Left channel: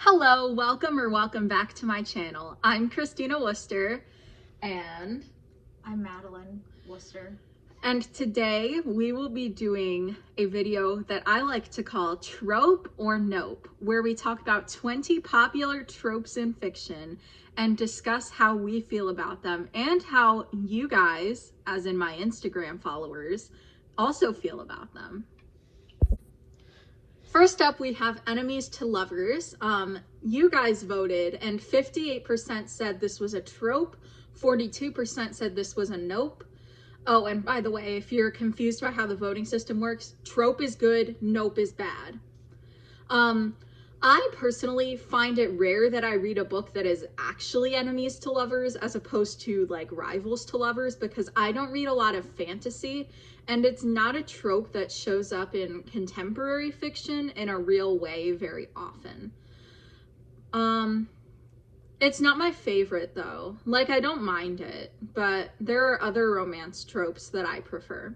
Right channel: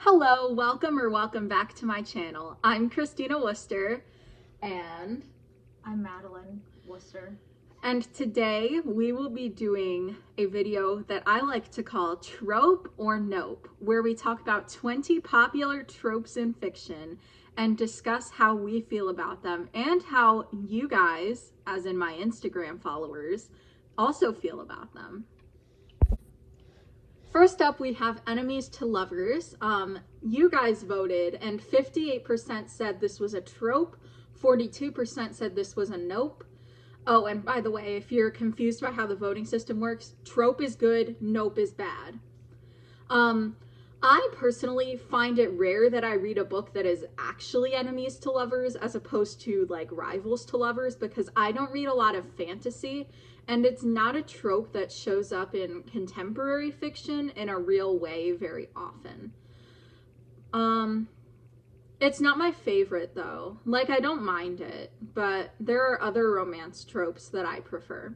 Hello, welcome back to my channel. I'm Christina Worcester and I'm Madeline, Worcester. and today we will be doing a video that I like to call Trope or Nope, where we talk about 20 popular tropes in fiction and discuss how we feel about them and how you guys, as in my Instagram followers, also feel about them. First up, we have enemies to lovers. You guys voted, and 58% said this was a trope, 42% said this was a nope. Oh, and by the way, if you're confused about how the voting system works, trope is good, nope is bad. I personally find it rare that I read a book that is actually enemies to lovers as opposed to like rivals to lovers, because I don't read a lot of fantasy and it's not a trope that shows up in contemporary fiction in a real way very often. It's not my favorite though. Like, I don't mind it, but there are other romance tropes that I prefer.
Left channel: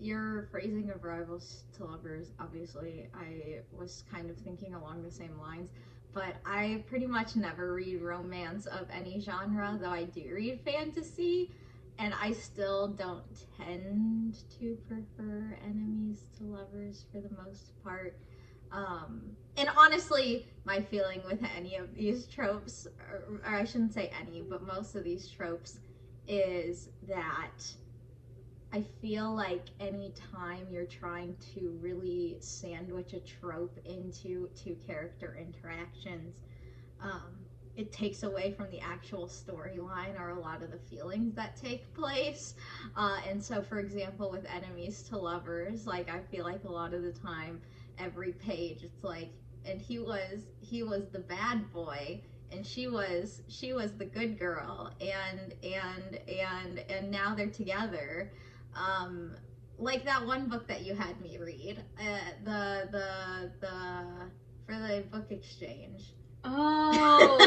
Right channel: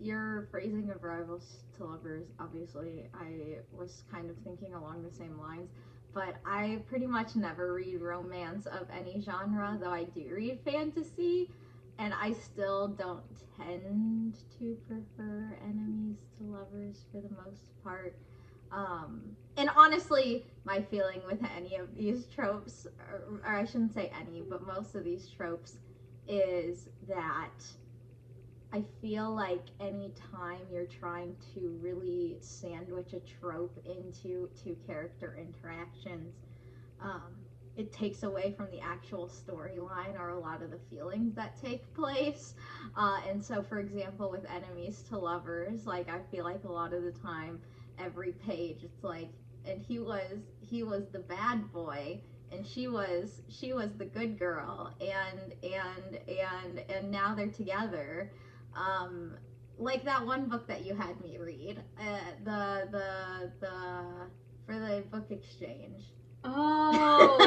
Your phrasing of rivals to lovers, obviously, I was kind of thinking along the same lines, but I pretty much never read romance of any genre, though I do read fantasy, and I still don't tend to prefer enemies to lovers for the most part. And honestly, my feeling with any of these tropes, or I shouldn't say any, but most of these tropes, is that I feel like anytime you're trying to really sandwich a trope into two character interactions, um, it takes away from the actual storyline or a lot of the feelings that take place. And so, for example, with enemies to lovers, like I feel like a lot of the time, every page, it's like, and he was the bad boy, and she was the good girl, and now they're together. Like that one book that you had me read, the for the book exchange. Oh,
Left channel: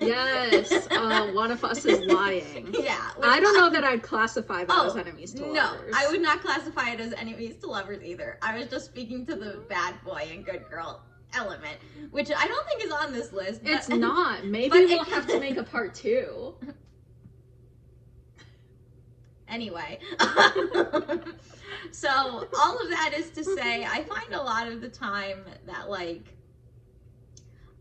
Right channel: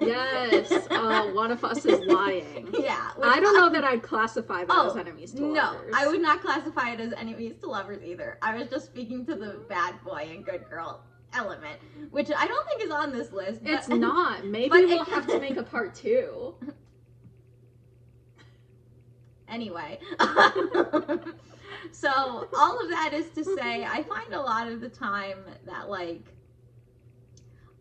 yes. One of us is lying. Yeah. I don't know that I'd classify that as enemies to lovers. No, I would not classify it as enemies to lovers either. I was just speaking to the bad boy and good girl element, which I don't think is on this list. It's not. Maybe we'll have to make a part 2. Anyway, so all of that is to say, I find a lot of the time that, like,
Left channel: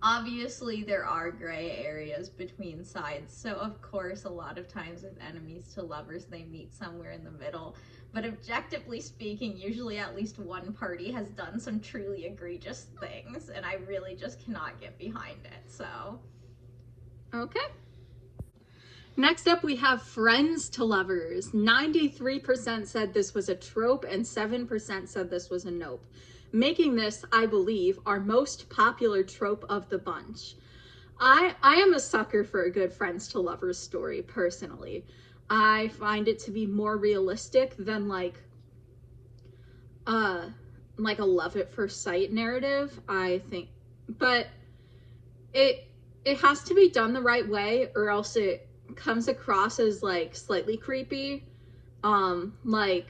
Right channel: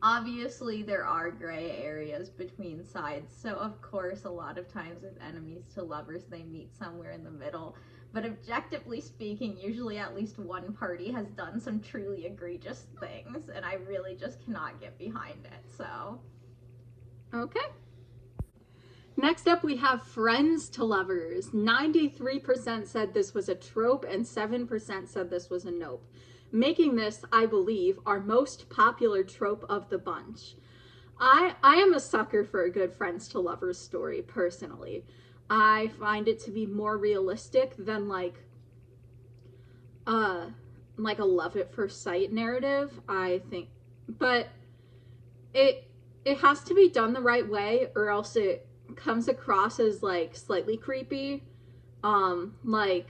obviously there are gray areas between sides, so of course a lot of times with enemies to lovers they meet somewhere in the middle, but objectively speaking, usually at least one party has done some truly egregious things, and I really just cannot get behind it. So okay. Next up, we have friends to lovers. 93% said this was a trope and 7% said this was a nope, making this, I believe, our most popular trope of the bunch. I am a sucker for a good friends to lovers story, personally. I find it to be more realistic than like a love at first sight narrative, I think. But it has to be done the right way, or else it comes across as like slightly creepy. Like,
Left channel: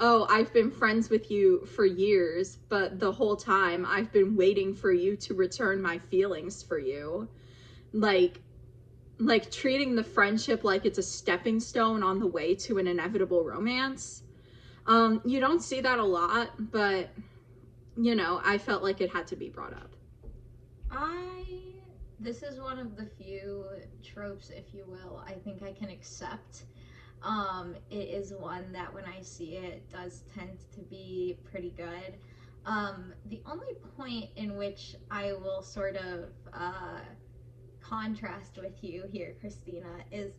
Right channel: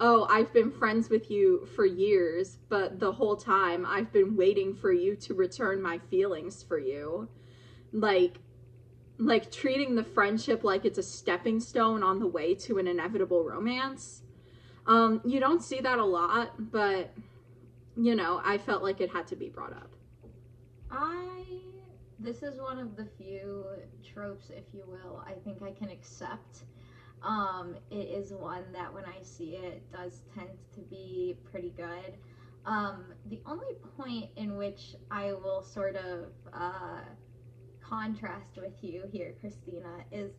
oh, I've been friends with you for years, but the whole time I've been waiting for you to return my feelings for you. Like treating the friendship like it's a stepping stone on the way to an inevitable romance. You don't see that a lot, but you know, I felt like it had to be brought up. This is one of the few tropes, if you will, I think I can accept. It is one that when I see it does tend to be pretty good. The only point in which I will sort of contrast with you here, Christina, is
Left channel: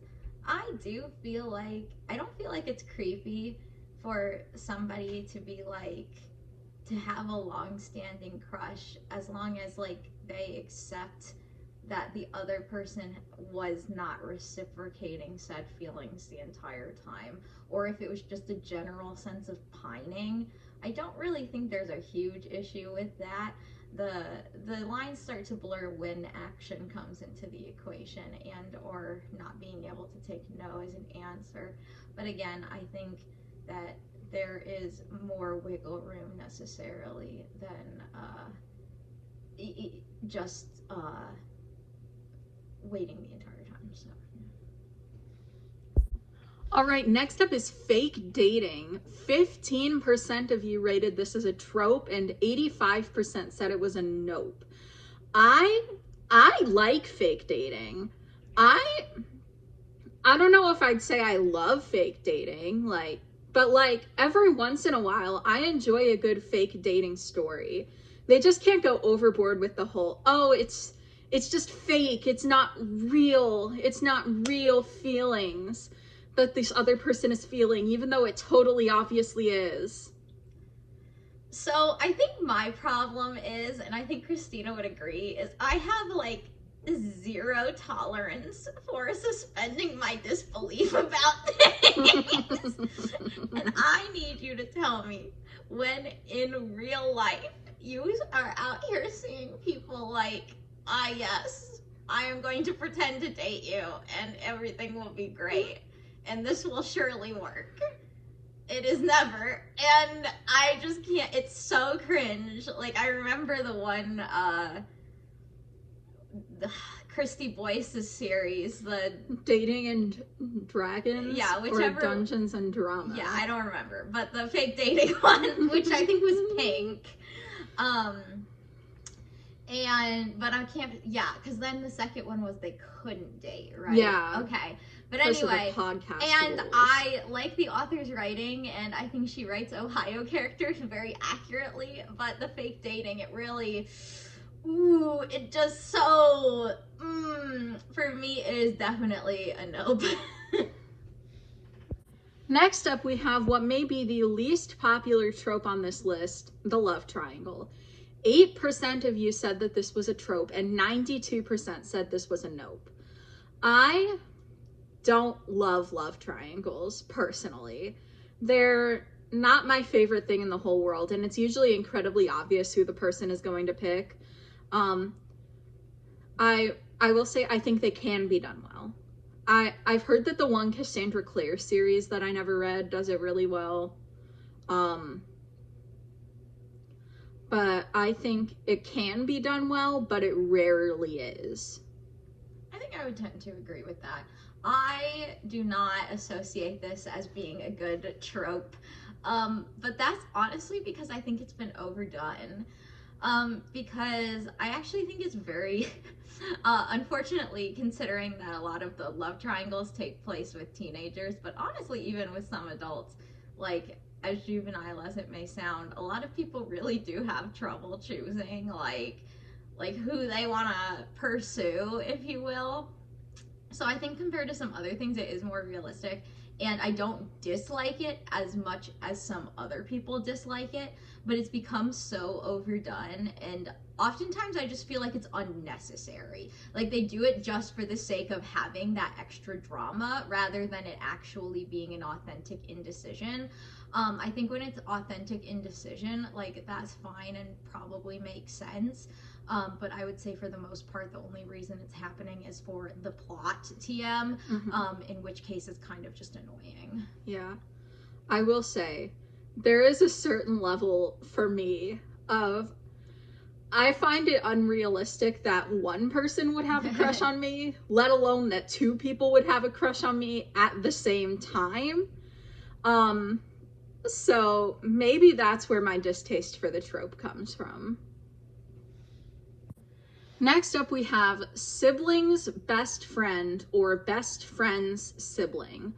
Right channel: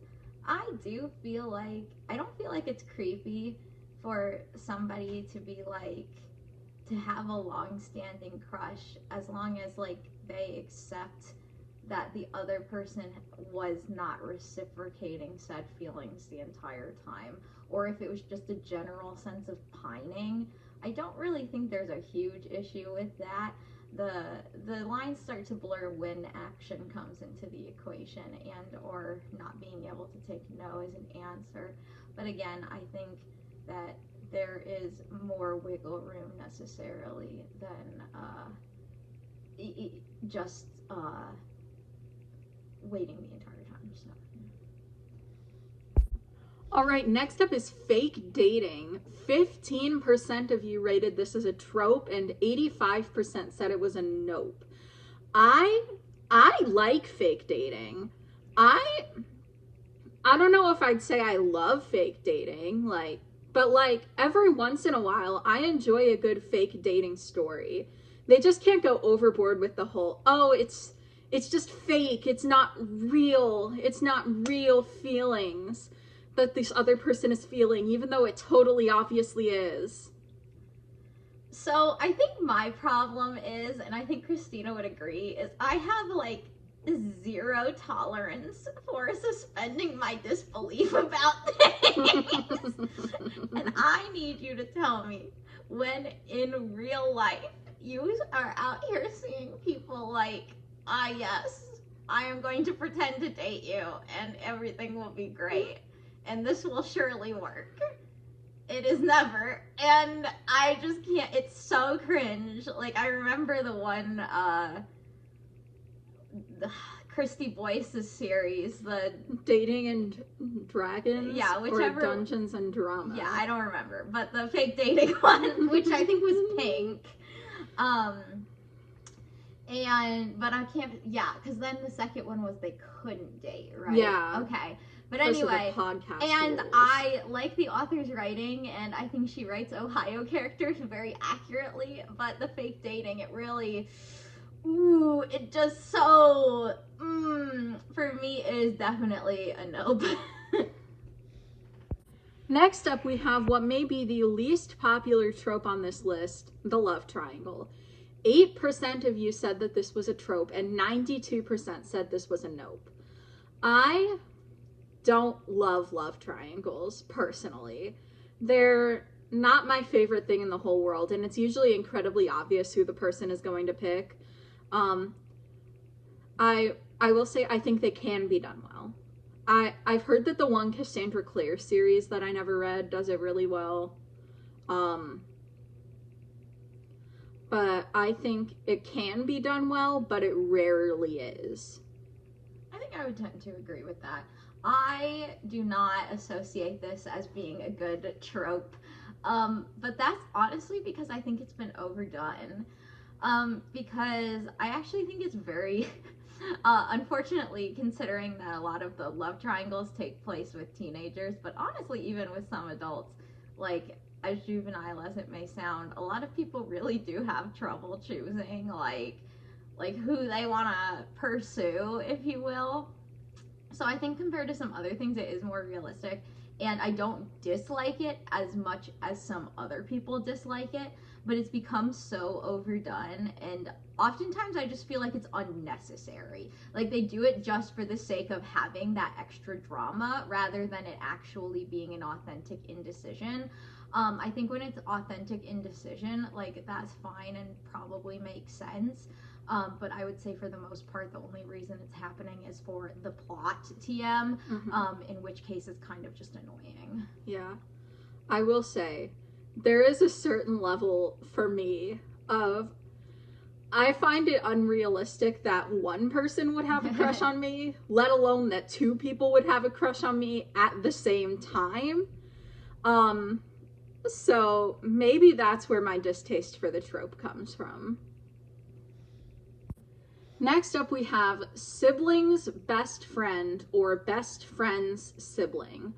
I don't feel like it's creepy for somebody to be like, to have a long-standing crush, as long as like they accept that the other person was not reciprocating said feelings the entire time, or if it was just a general sense of pining. I don't really think there's a huge issue with that. The lines start to blur when action comes into the equation, and or not being able to take no as an answer. But again, I think that there is more wiggle room necessarily than just waiting the entire time. So. All right, next up is fake dating. 15% of you rated this as a trope, and 85% said it was a nope. I like fake dating. I don't know if I'd say I love fake dating, but every once in a while, I enjoy a good fake dating story. They just can't go overboard with the whole, oh, it's just fake. It's not real. It's not real feelings that this other person is feeling, even though it totally obviously is. So I think my problem is, and I think Christina would agree, is I have zero tolerance for suspending my disbelief about things. And I need you to tell me when in real life you are out here seeing people yes, I am going to pretend to date you and everything will be great and this will surely work. It is never, and I just can't. It's so cringe. I remember the one the Christy Boyce's series, the Dating and Dragons, yeah, whichever, or Dungeons and Drama. Yeah, I don't remember, but the fake dating one, which I think was pink. But I can't. Yeah, because then the second one was they couldn't date, right? Yeah. Okay. But anyway, and rules. I like the author's writing, and I think she writes Ohio characters very accurately, but the fake dating, it really, it just so, for me, it is definitely a nope. Next up, we have what may be the least popular trope on this list, the love triangle. 8% of you said that this was a trope, and 92% said this was a nope. I don't love triangles, personally. They're not my favorite thing in the whole world, and it's usually incredibly obvious who the person is going to pick. I will say I think they can be done well. I've heard that the one Cassandra Clare series that I never read does it really well. But I think it can be done well, but it rarely is. I think I would tend to agree with that. I do not associate this as being a good trope, but that's honestly because I think it's been overdone, because I actually think it's very, unfortunately, considering that a lot of the love triangles take place with teenagers, but honestly, even with some adults, as juvenile as it may sound, a lot of people really do have trouble choosing, who they want to pursue, if you will. So I think compared to some other things, it is more realistic, and I don't dislike it as much as some other people dislike it, but it's become so overdone, and oftentimes I just feel like it's unnecessary. They do it just for the sake of having that extra drama, rather than it actually being an authentic indecision. I think when it's authentic indecision, that's fine and probably makes sense. But I would say for the most part, the only reason it's happening is for the plot TM, in which case it's kind of just annoying. Yeah. I will say, there is a certain level for me of, I find it unrealistic that one person would have a crush on me, let alone that two people would have a crush on me at the same time. So maybe that's where my distaste for the trope comes from. Next up, we have siblings, best friend, or best friend's sibling.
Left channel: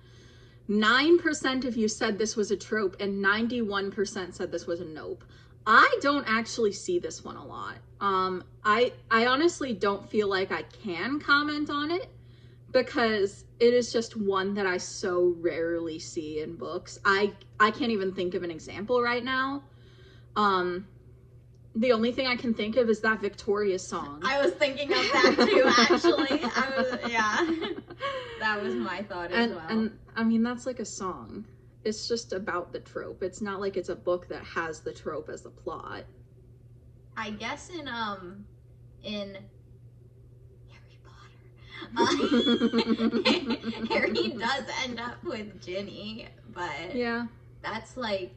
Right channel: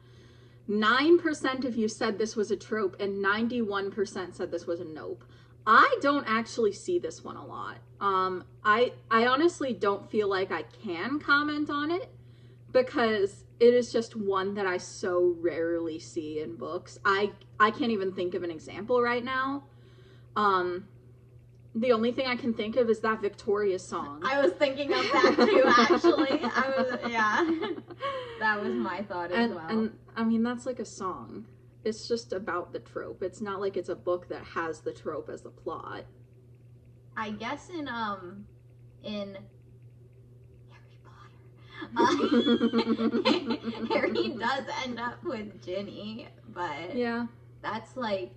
9% of you said this was a trope, and 91% said this was a nope. I don't actually see this one a lot. I honestly don't feel like I can comment on it, because it is just one that I so rarely see in books. I can't even think of an example right now. The only thing I can think of is that Victoria song. I was thinking of that too, actually. That was my thought as well. And I mean, that's like a song. It's just about the trope. It's not like it's a book that has the trope as the plot. I guess in Harry Potter, Harry does end up with Ginny, but yeah. that's like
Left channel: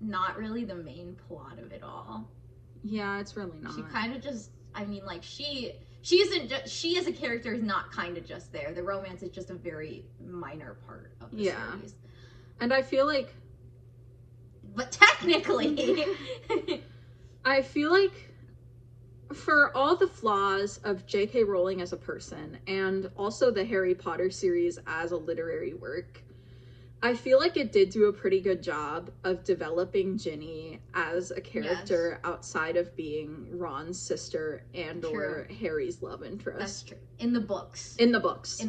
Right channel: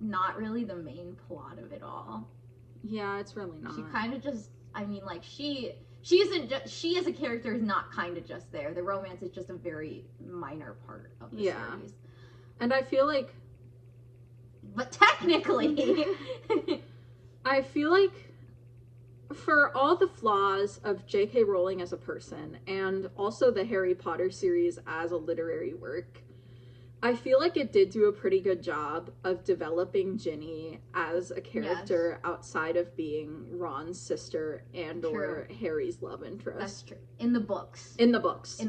not really the main plot of it all. Yeah, it's really not. She kind of just, I mean, like, she isn't just, she as a character is not kind of just there. The romance is just a very minor part of the series. And I feel like, but technically I feel like for all the flaws of J.K. Rowling as a person and also the Harry Potter series as a literary work, I feel like it did do a pretty good job of developing Ginny as a character outside of being Ron's sister and or Harry's love interest. That's true. In the books. In the books.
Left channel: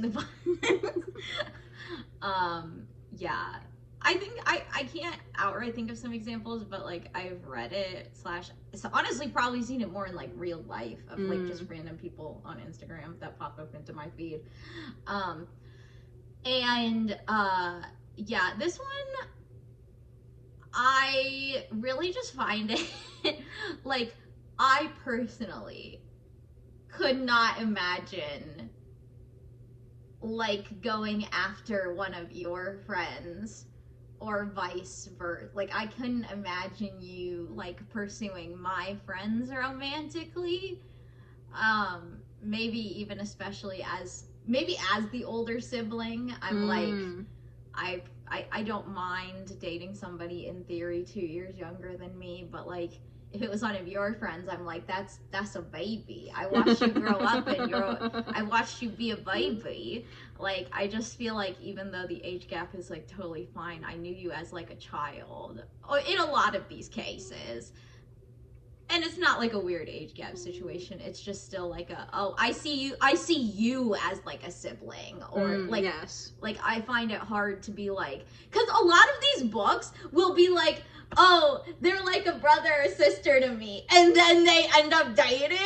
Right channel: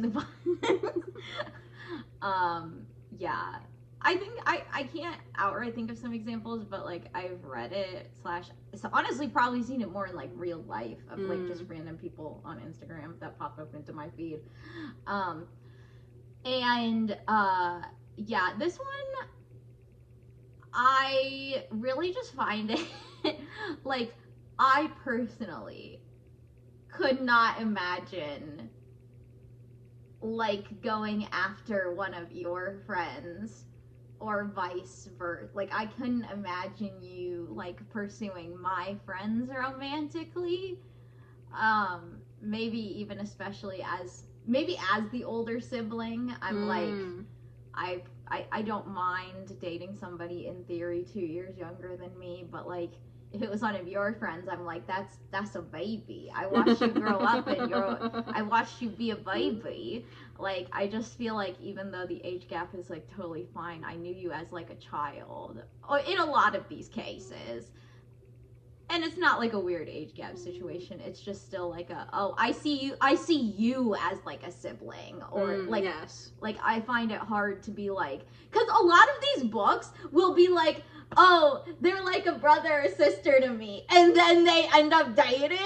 Yeah. I think I can't outright think of some examples, but like I've read it so honestly probably seen it more in like real life of like just random people on Instagram that pop up into my feed. Yeah, this one, I really just find it, like, I personally could not imagine, like, going after one of your friends, or vice versa. Like, I couldn't imagine you, like, pursuing my friends romantically, maybe even especially as the older sibling, I'm like, I don't mind dating somebody in theory 2 years younger than me, but like if it was one of your friends, I'm like, that's a baby. I watched you grow up and I watched you be a baby. Like, I just feel like even though the age gap is like totally fine, I knew you as like a child in a lot of these cases. And it's not like a weird age gap situation. It's just still like I see you as like a sibling, or like, like I find it hard to be like, because a lot of these books will be like, oh, they're like a brother or sister to me, and then they end up dating,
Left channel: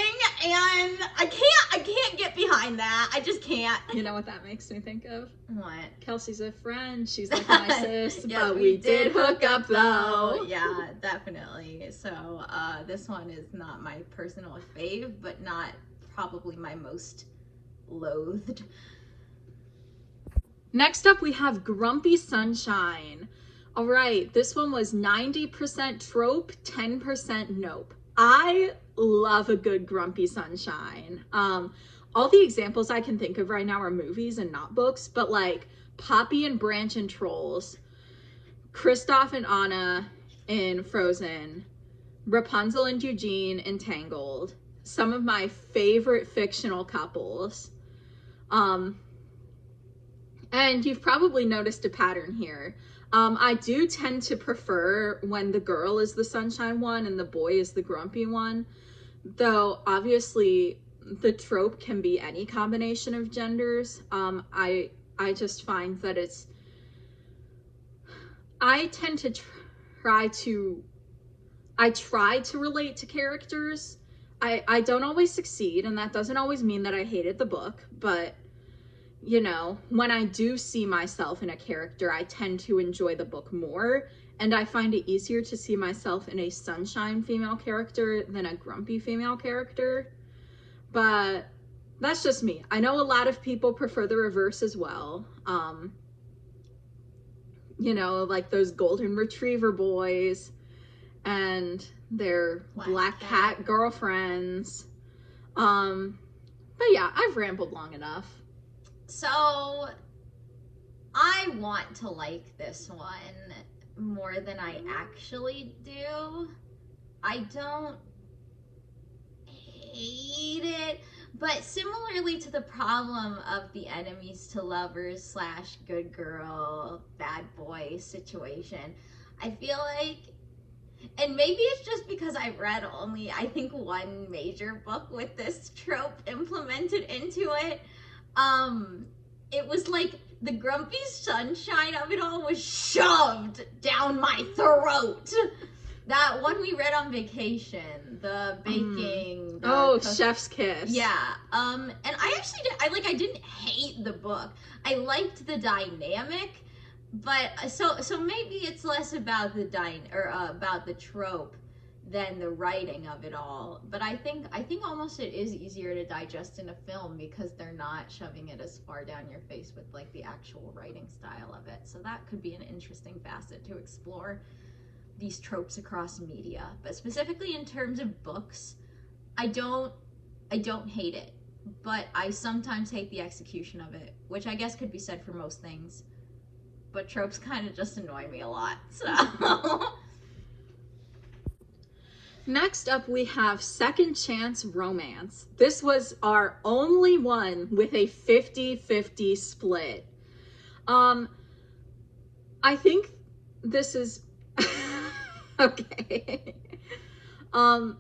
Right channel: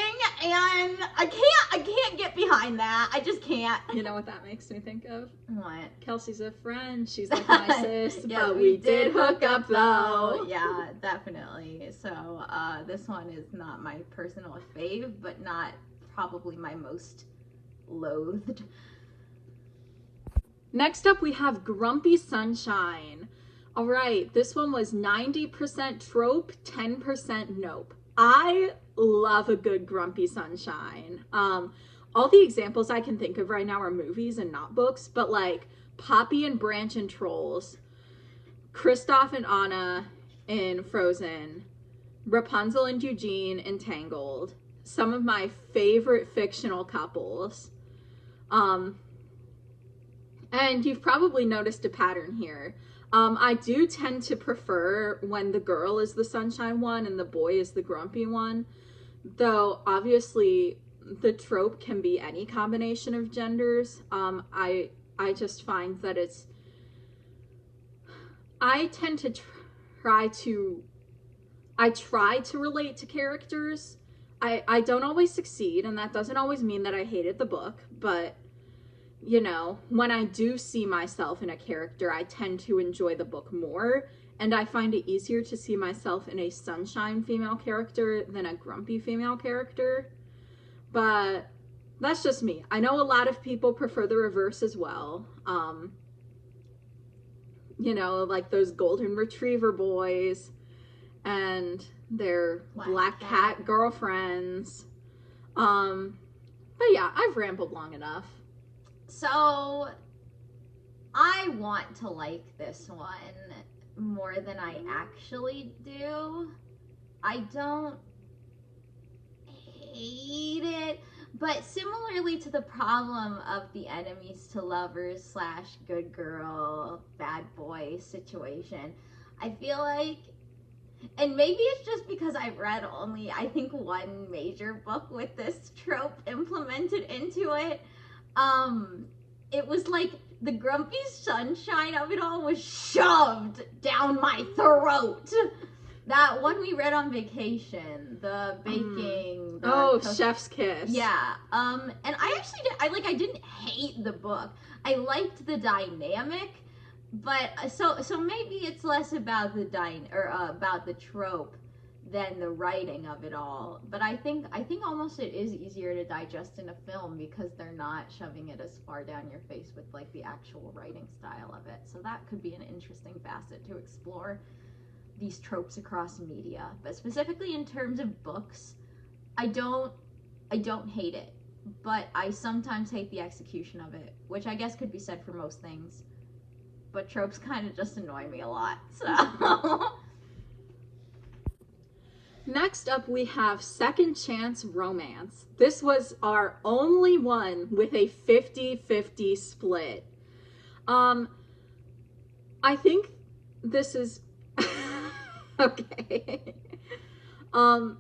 and I can't get behind that. I just can't. You know what that makes me think of? What? Kelsey's a friend. She's like my sis, yeah, but we did hook up though. Yeah, definitely. So this one is not my personal fave, but not probably my most loathed. Next up, we have Grumpy Sunshine. All right, this one was 90% trope, 10% nope. I love a good Grumpy Sunshine. All the examples I can think of right now are movies and not books, but like Poppy and Branch in Trolls, Kristoff and Anna in Frozen, Rapunzel and Eugene in Tangled, some of my favorite fictional couples. And you've probably noticed a pattern here. I do tend to prefer when the girl is the sunshine one and the boy is the grumpy one, though obviously the trope can be any combination of genders. I just find that I tend to try to relate to characters. I don't always succeed, and that doesn't always mean that I hated the book, but you know, when I do see myself in a character, I tend to enjoy the book more, and I find it easier to see myself in a sunshine female character than a grumpy female character. But that's just me. I know a lot of people prefer the reverse as well. You know, like those golden retriever boys and their black cat girlfriends. But yeah, I've rambled long enough. So, I want to like this one more than I actually do. I don't hate it, but similarly to the problem of the enemies to lovers / good girl, bad boy situation, I feel like, and maybe it's just because I've read only, I think, one major book with this trope implemented into it. It was like the grumpy sunshine of it all was shoved down my throat. That one we read on vacation, the baking. Chef's Kiss. Yeah. And I actually I didn't hate the book. I liked the dynamic, but so maybe it's less about the about the trope than the writing of it all. But I think almost it is easier to digest in a film because they're not shoving it as far down your face with like the actual writing style of it. So that could be an interesting facet to explore these tropes across media. But specifically in terms of books, I don't hate it, but I sometimes hate the execution of it, which I guess could be said for most things. But tropes kind of just annoy me a lot. So Next up, we have Second Chance Romance. This was our only one with a 50-50 split. I think this is okay. I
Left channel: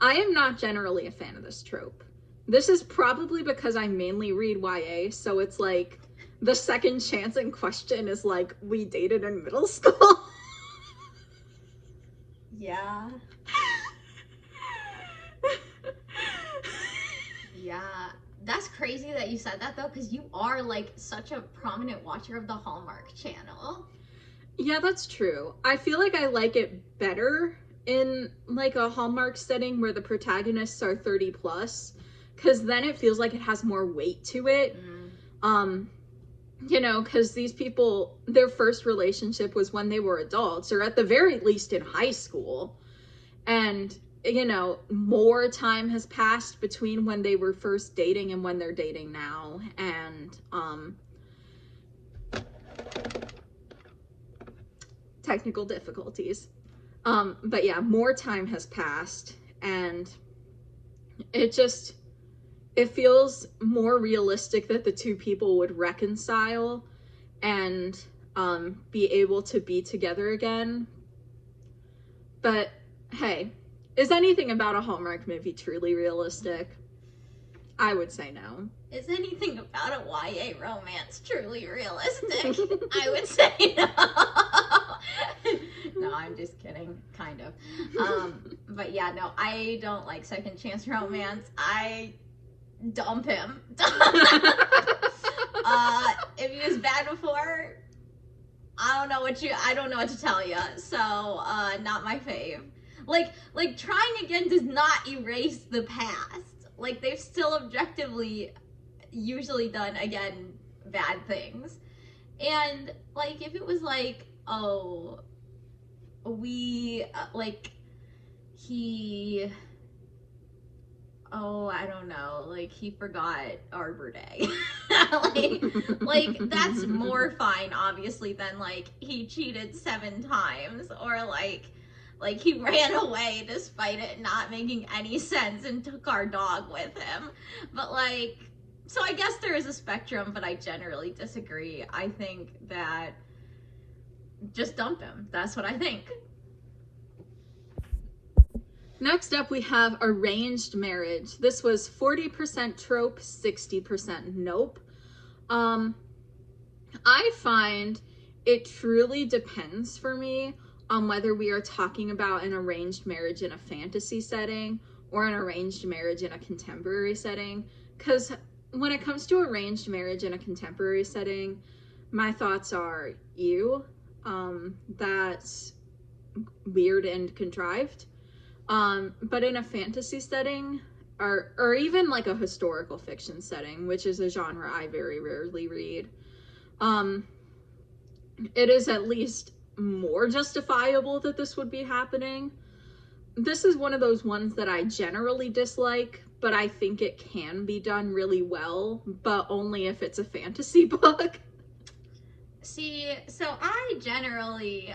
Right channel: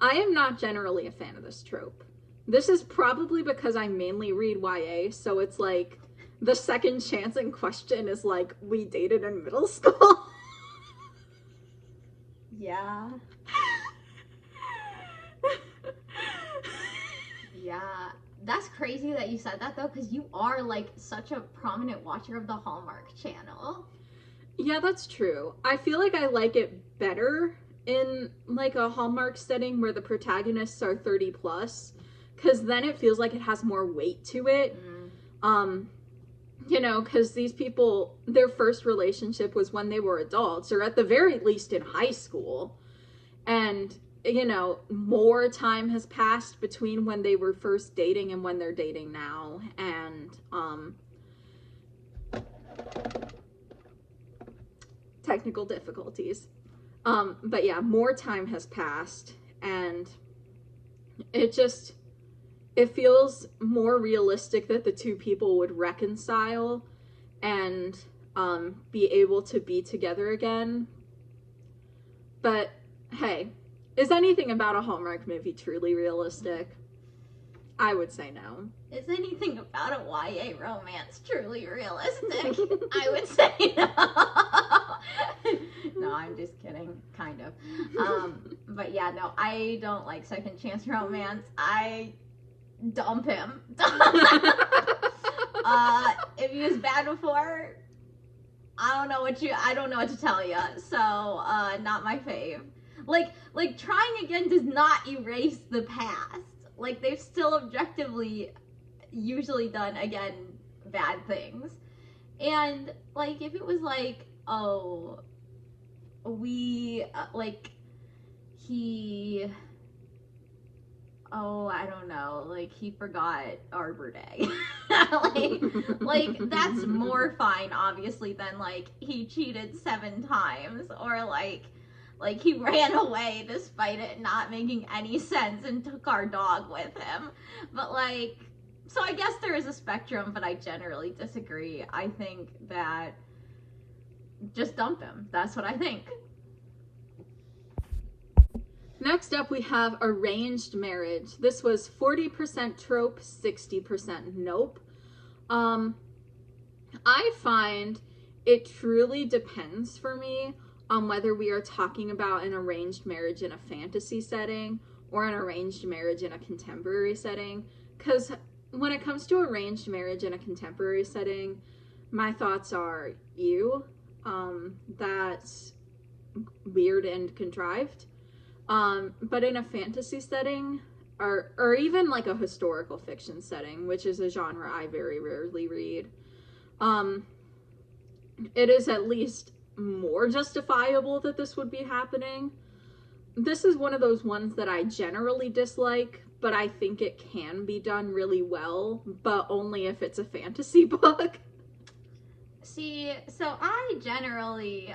am not generally a fan of this trope. This is probably because I mainly read YA, so it's like the second chance in question is like we dated in middle school. yeah. Yeah, that's crazy that you said that though, because you are like such a prominent watcher of the Hallmark Channel. Yeah, that's true. I feel like I like it better in like a Hallmark setting where the protagonists are 30 plus, because then it feels like it has more weight to it. You know, because these people, their first relationship was when they were adults, or at the very least in high school. And you know, more time has passed between when they were first dating and when they're dating now. And technical difficulties. But yeah, more time has passed, and it feels more realistic that the two people would reconcile and be able to be together again. But hey, is anything about a Hallmark movie truly realistic? I would say no. Is anything about a YA romance truly realistic? I would say no. No, I'm just kidding, kind of. But yeah, no, I don't like second chance romance. I dump him. If he was bad before, I don't know what to tell you. So, not my fave. Like trying again does not erase the past. Like, they've still objectively usually done, again, bad things. And, like, if it was like, oh, we, I don't know, like, he forgot Arbor Day. like, that's more fine, obviously, than, like, he cheated 7 times, or, like, he ran away despite it not making any sense and took our dog with him. But, like, so I guess there is a spectrum, but I generally disagree. I think that just dump him. That's what I think. Next up, we have Arranged Marriage. This was 40% trope, 60% nope. I find it truly depends for me on whether we are talking about an arranged marriage in a fantasy setting or an arranged marriage in a contemporary setting. Because when it comes to arranged marriage in a contemporary setting, my thoughts are, that's weird and contrived. But in a fantasy setting, or even like a historical fiction setting, which is a genre I very rarely read, it is at least more justifiable that this would be happening. This is one of those ones that I generally dislike, but I think it can be done really well, but only if it's a fantasy book. See, so I generally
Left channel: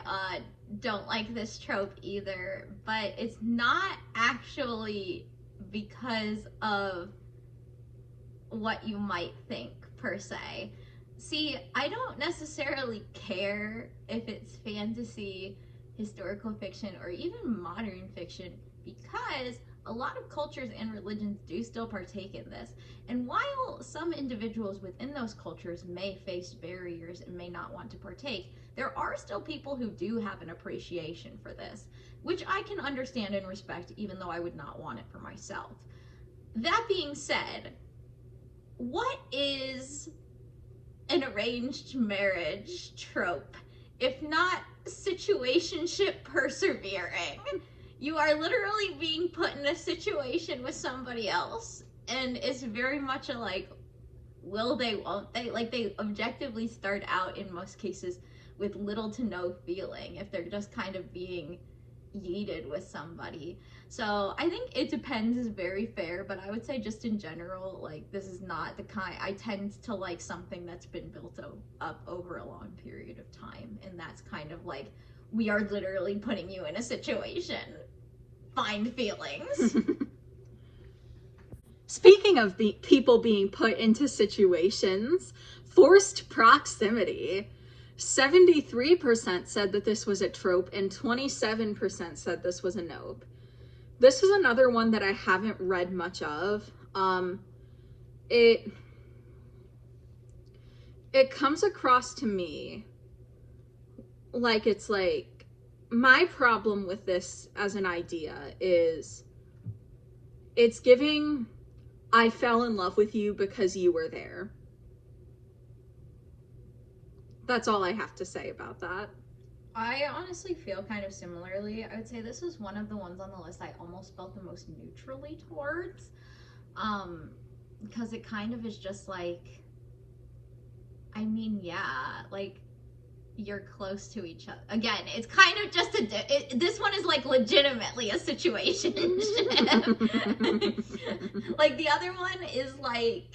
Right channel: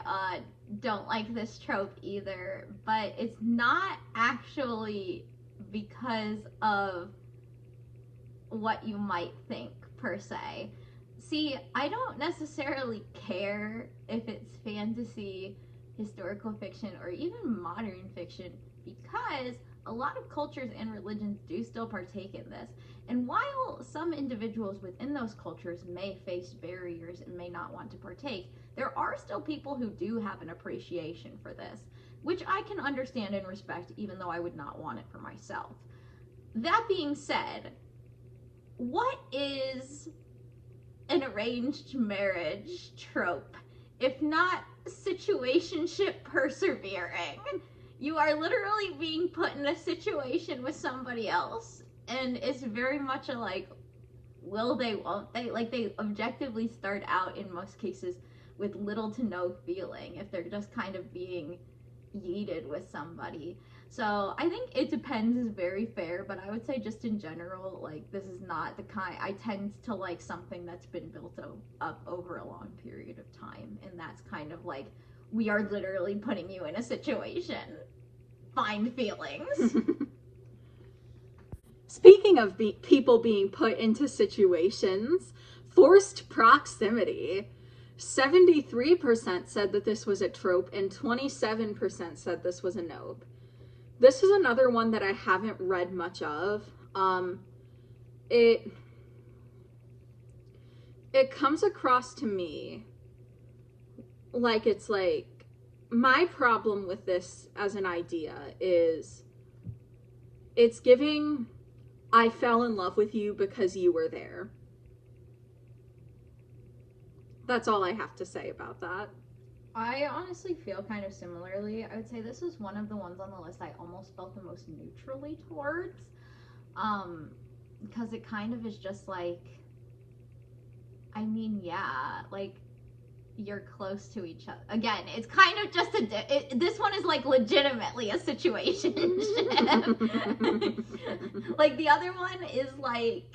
don't like this trope either, but it's not actually because of what you might think, per se. See, I don't necessarily care if it's fantasy, historical fiction, or even modern fiction, because a lot of cultures and religions do still partake in this. And while some individuals within those cultures may face barriers and may not want to partake, there are still people who do have an appreciation for this, which I can understand and respect, even though I would not want it for myself. That being said, what is an arranged marriage trope if not situationship persevering? you are literally being put in a situation with somebody else, and it's very much a like, will they, won't they? Like, they objectively start out in most cases with little to no feeling if they're just kind of being yeeted with somebody. So I think it depends is very fair, but I would say just in general, like, this is not the kind, I tend to like something that's been built up over a long period of time, and that's kind of like, we are literally putting you in a situation. Find feelings. Speaking of people being put into situations, forced proximity. 73% said that this was a trope and 27% said this was a nope. This is another one that I haven't read much of. It comes across to me like it's like, my problem with this as an idea is it's giving, I fell in love with you because you were there. That's all I have to say about that. I honestly feel kind of similarly. I would say this was one of the ones on the list I almost felt the most neutrally towards. Because it kind of is just like, I mean, yeah, like, you're close to each other. Again, it's kind of just this one is like legitimately a situation. Like, the other one is like,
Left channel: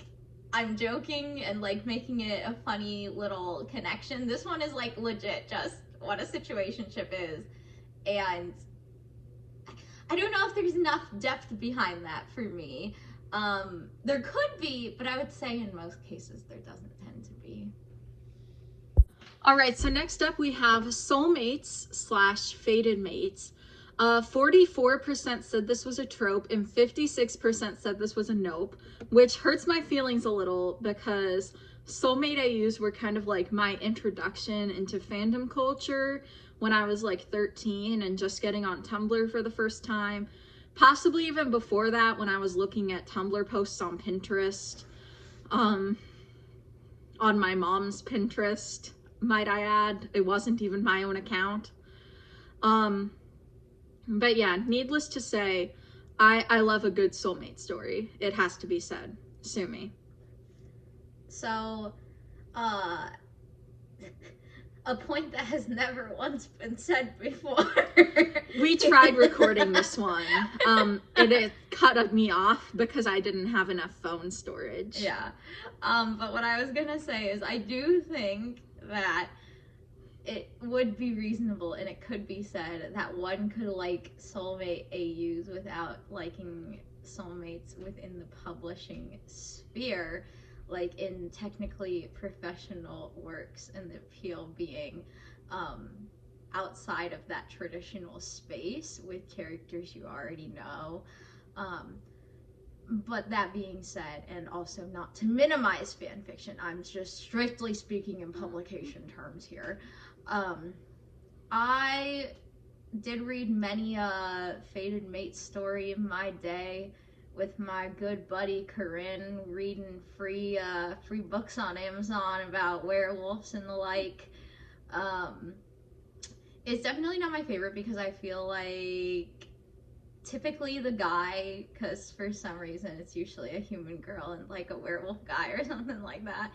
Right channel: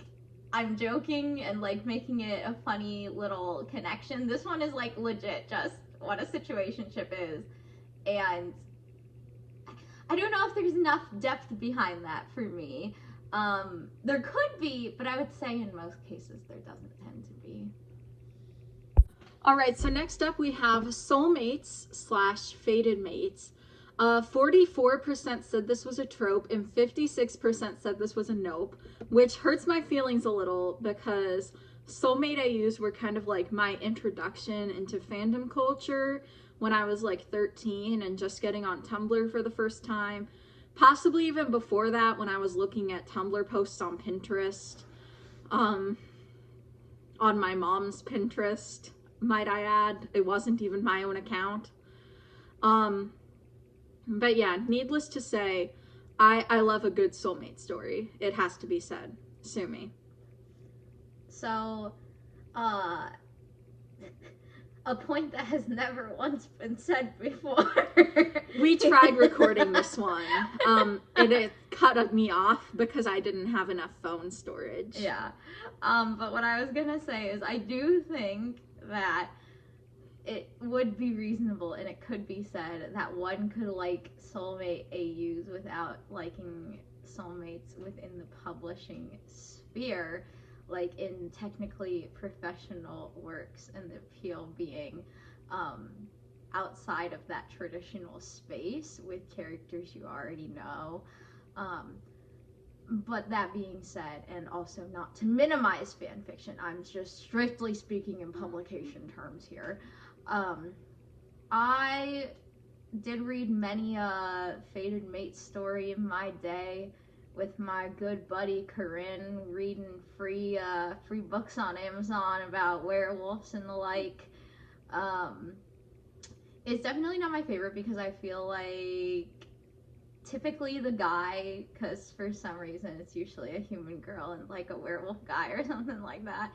I'm joking and like making it a funny little connection. This one is like legit just what a situationship is, and I don't know if there's enough depth behind that for me. There could be, but I would say in most cases there doesn't tend to be. All right, so next up we have soulmates / fated mates. 44% said this was a trope and 56% said this was a nope, which hurts my feelings a little because soulmate AUs were kind of like my introduction into fandom culture when I was like 13 and just getting on Tumblr for the first time. Possibly even before that, when I was looking at Tumblr posts on Pinterest, on my mom's Pinterest, might I add. It wasn't even my own account. But yeah, needless to say, I love a good soulmate story. It has to be said. Sue me. So, a point that has never once been said before. We tried recording this one. It cut me off because I didn't have enough phone storage. Yeah. But what I was gonna say is I do think that it would be reasonable and it could be said that one could like soulmate AUs without liking soulmates within the publishing sphere, like in technically professional works, and the appeal being outside of that traditional space with characters you already know. But that being said, and also not to minimize fan fiction, I'm just strictly speaking in publication terms here. I did read many a fated mate story in my day with my good buddy Corinne, reading free books on Amazon about werewolves and the like. It's definitely not my favorite because I feel like typically the guy, because for some reason it's usually a human girl and like a werewolf guy or something like that.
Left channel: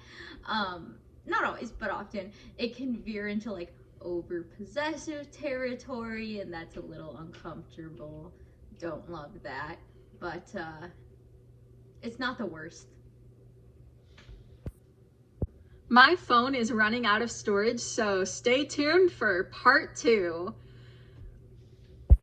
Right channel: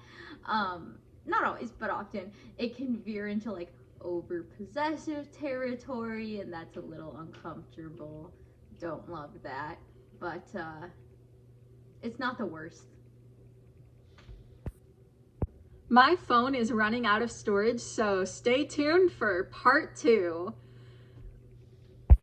Not always, but often, it can veer into like over possessive territory, and that's a little uncomfortable. Don't love that, but it's not the worst. My phone is running out of storage, so stay tuned for part 2.